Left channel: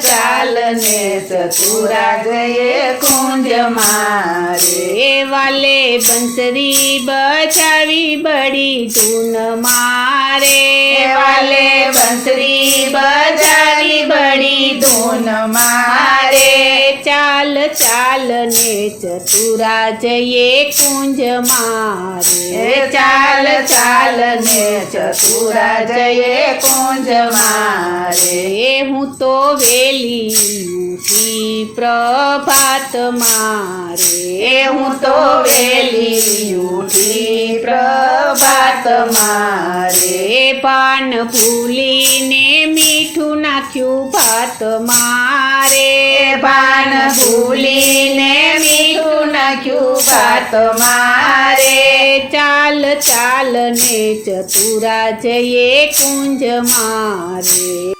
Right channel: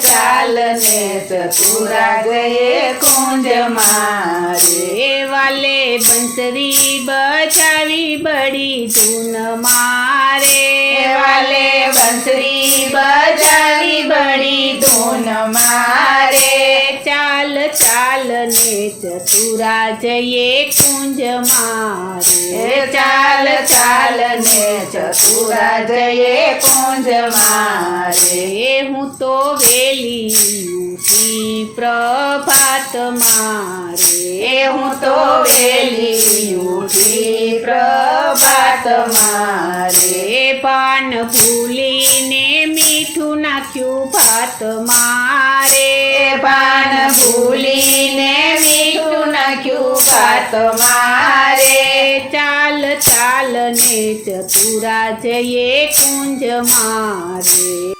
ચાલ ને ચતુરા જઈએ કુંજ મારે વાલે બંસરી બજાવી બડી ધૂન મારે વાલે બંસરી બજાવી બડી ધૂન મારે ચાલ ચાલ ને ચતુરા જઈએ કુંજ મારે ચાલ ચાલ ને ચતુરા જઈએ કુંજ મારે હું તો વેલી ઉઠી પ્રભાત મારે હું તો વેલી ઉઠી પ્રભાત મારે પાન ભૂલીને મીઠું નાખ્યું ભાત મારે પાન ભૂલીને મીઠું નાખ્યું ભાત મારે ચાલ ચાલ ને ચતુરા જઈએ કુંજ મારે